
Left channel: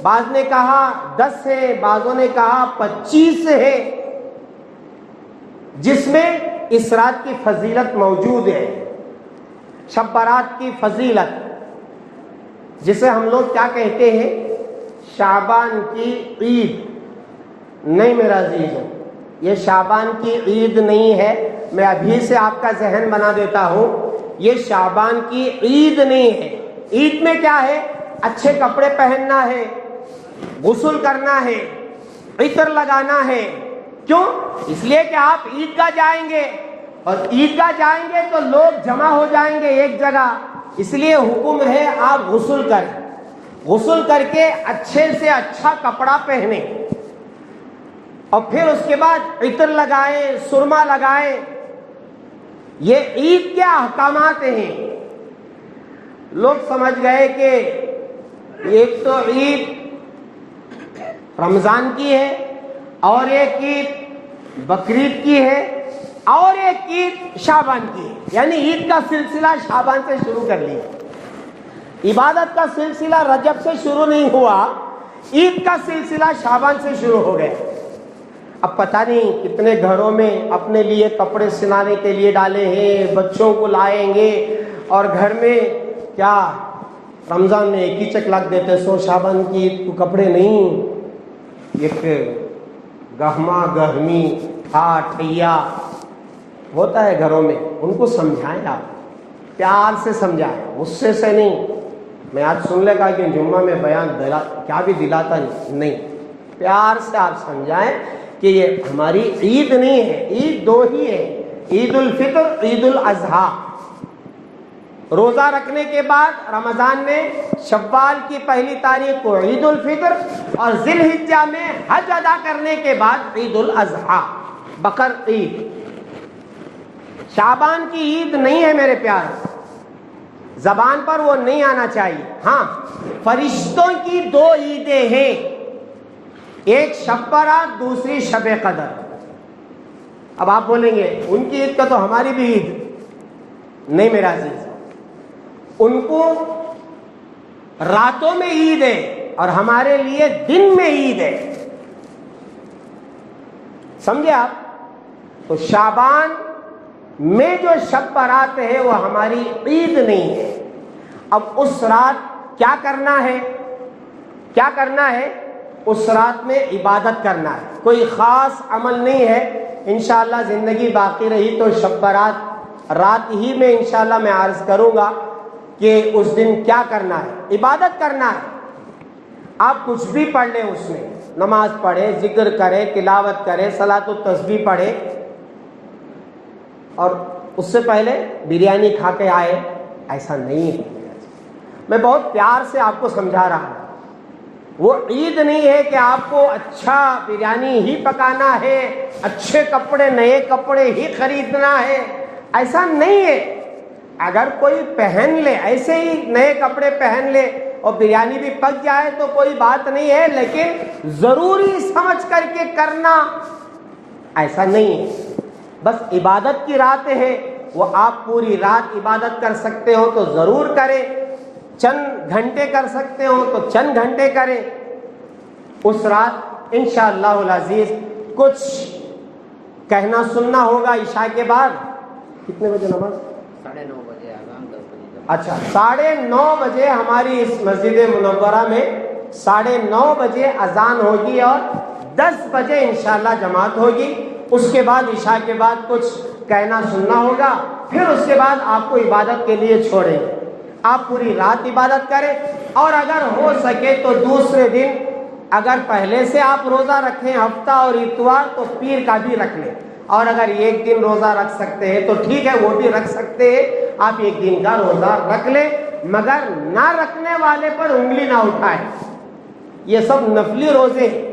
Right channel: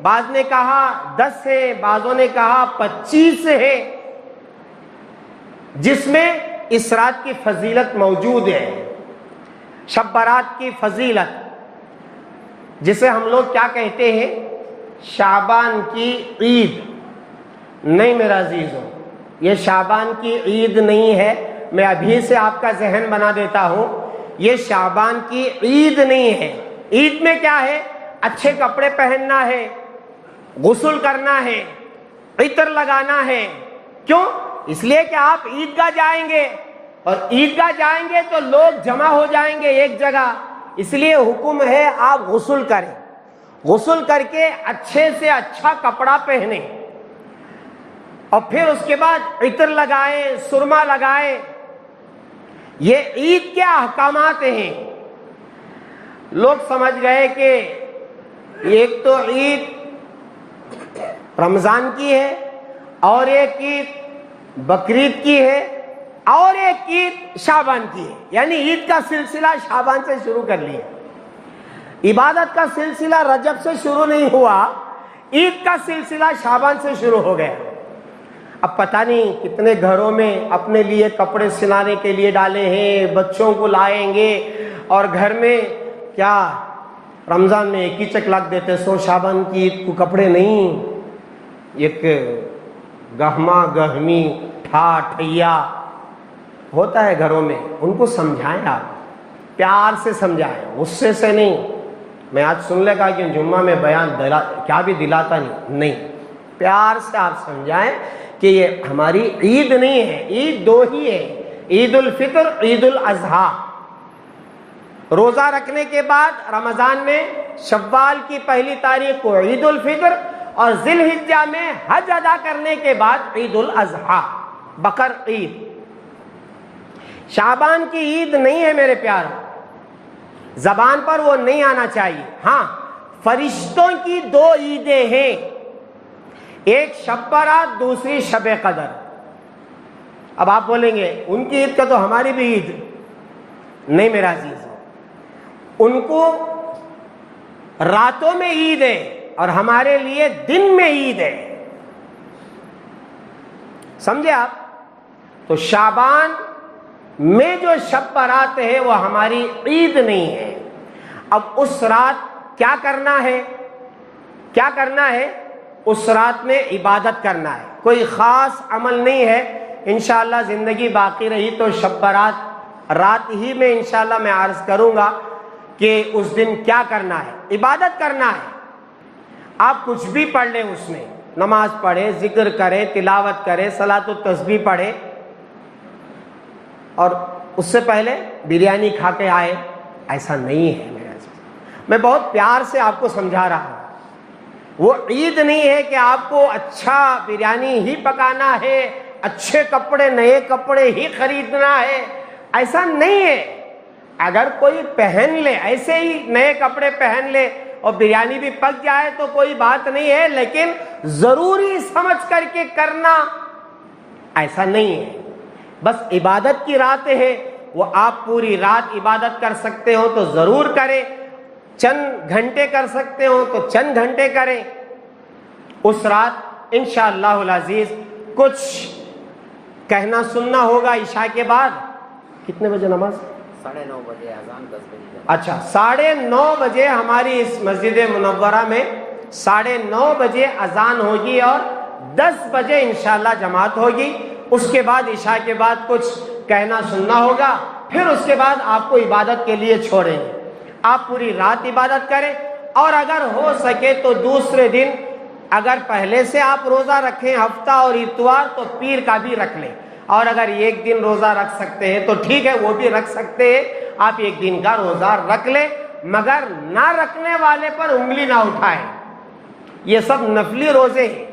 بعض نے کہا 10 ہے، بعضوں نے کہا 25 ہے، جس میں اس رات کی فضیلت موجود ہے۔ شب برات کی فضیلت، جسے ہم لوگ کیا کہتے ہیں؟ شعبان کی عید۔ نہیں میرا عزیزو، یہ شعبان کی عید نہیں ہے، میں ابھی سے آپ کا ذہن بنا دیتا ہوں، یہ شعبان کی عید نہیں ہے۔ عید میں کیا ہے؟ اچھے کپڑے پہننا ہے، غسل کرنا ہے، عطر لگانا ہے۔ کیوں؟ اس لیے کہ آپ عیدگاہ جائیں گے، اور عیدگاہ جائیں گے تو لوگ جمع ہو جائیں گے ایک جگہ، اس لیے حکم ہے آپ غسل کریں، غسل کر کے اچھے سے اچھا کپڑا پہنیں، اور پھر اس کے بعد عطر لگائیں، سرما لگائیں۔ یہ عید کے احکامات ہیں۔ لوگ سمجھ گئے کہ ایک تو عید رمضان کی ہے، اور ایک عید بقرعید کی ہے، اور ایک عید شعبان کی ہے، یعنی عید کا سلسلہ شعبان سے شروع کر لیا۔ عبادت کا سلسلہ رجب سے شروع نہیں ہوا، عید کا سلسلہ شعبان سے شروع ہو گیا۔ اب پتہ نہیں کتنے گھروں میں اپنے لیے کپڑے سلانے کے لیے ڈالے ہیں، بچوں کو لائیں گے، اور گھر میں کیا رمضان میں ایک ہی چکلک دیتے، سو شعبان کی عید کو کپڑے نہیں، ایک گہما گہمی ٹھیا ہوتا ہے گھروں میں۔ ان کو سمجھائیں، آپ پیار سے سمجھائیں، غصے سے نہیں۔ میں آج سن لے گا کہ جمعہ میں بیان کیا بھی دلاتا نہیں، پیار سے آپ سمجھائیں کہ یہ ہماری عید نہیں ہے، عید دو ہی ہے، عید الفطر، عید الاضحیٰ۔ روزہ رکھنے کے بعد رمضان میں شوال کی پہلی تاریخ کو عید الفطر، اور ذی الحجہ میں حج ادا کرنے کے بعد عید الاضحیٰ، بقر عید۔ شعبان کی عید نہیں ہے میرے پیار، زبان پر وہ نہیں آنا چاہیے۔ ہاں، فرشتوں کی 2 عیدیں ہیں، ایک شب برات، دوسری شب قدر۔ اب آپ بولیں گے ان کی عید کا تو ہماری بھی عید نہیں میرا عزیز، ان کو راتوں میں عید ہے اور ہمارے لیے دن میں عید ہے، سمجھے آپ؟ تو شعبان میں جو شب برات ہے وہ ہماری عید نہیں ہے۔ اب اس رات کیا کرنا ہے؟ کیا کرنا ہے؟ اس رات میں عبادت کرنا ہے، کوئی خاص عمل نہیں ہے۔ انشاءاللہ زندگی باقی رہی تو شب برات رات ہی میں انشاءاللہ میں عرض کروں گا کہ اس دن کیا کرنا ہے۔ عبادت کرنا ہے، آپ کچھ بھی پڑھ لیں، اس میں نماز پڑھے، ذکر کرے، تلاوت کرے، صلاۃ التسبیح پڑھے، اور اس سے پہلے بریانی کھا کے آئے، ایسا نہیں ہے میرا چیز۔ میں بہت پیار سے آپ کو سمجھا رہا ہوں، وہ عید نہیں ہے کہ آپ کو اچھا بریانی ہی پکانا ہے، اچھے کپڑے، نئے کپڑے ہی خریدنا ہے، ایسا نہیں ہے۔ اگر کوئی پہن لے، ایسے ہی نئے کپڑے پہن لے اور بریانی بھی پک جائے تو کوئی بات نہیں ہے، لیکن ضروری سمجھ کر کے کرنا ایسا نہیں ہے۔ بس عبادت کی رات ہے، وہ آپ پوری رات عبادت کر سکتے ہو تو ضرور کریں، چند گھنٹے کر سکتے ہو تو چند گھنٹے کریں۔ اس رات انشاءاللہ العزیز کچھ کہنا سننا ہوگا عشاء کے بعد۔ کتنے بجے نماز؟ 9:30 بجے اذان، 10 بجے۔ اچھا، 9:30 بجے ہماری اس مسجد منورہ میں 9:30 بجے اذان ہوگی، اور 10 بجے انشاءاللہ جماعت ہوگی۔ اس کے بعد عشاء کے بعد کچھ کہنا سننا ہوگا، پھر اس کے بعد آپ کو عبادت کے لیے چھوڑیں گے۔ آپ پوری رات عبادت کریں، اور اگر ہو سکے تو دوسرے دن، اگر پہلے سے آپ روزہ رکھیں ہفتہ اور اتوار، تو پیر کا بھی رکھ لیں، اور اگر ایک دن روزہ رکھ سکتے ہیں تو ٹھیک ہے، وہ بھی رکھ سکتے ہیں، آپ ایک دن کا روزہ رکھ لیں، مگر نہ رکھنے والے پر انگلی نہ اٹھائیں۔ یہ سب نفلی روزے ہیں،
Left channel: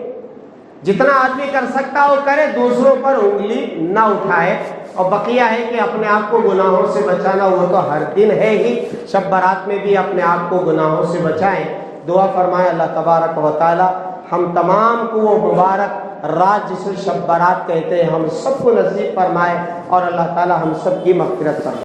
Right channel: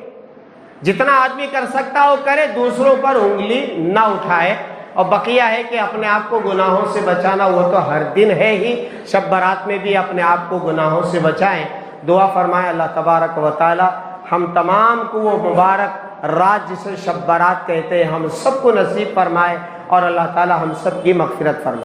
جتنا آدمی کر سکتا وہ کرے، دوسروں پر انگلی نہ اٹھائے، اور بقیہ ہے کہ اپنے آپ کو گناہوں سے بچانا وہ تو ہر دن ہے ہی، شب برات میں بھی اپنے آپ کو گناہوں سے بچائیں۔ دعا فرمائے اللہ تبارک و تعالی ہم تمام کو وہ مبارک رات جسے شب برات کہتے ہیں ہم سب کو نصیب فرمائے، اور اللہ تعالی ہم سب کی مغفرت فرمائے۔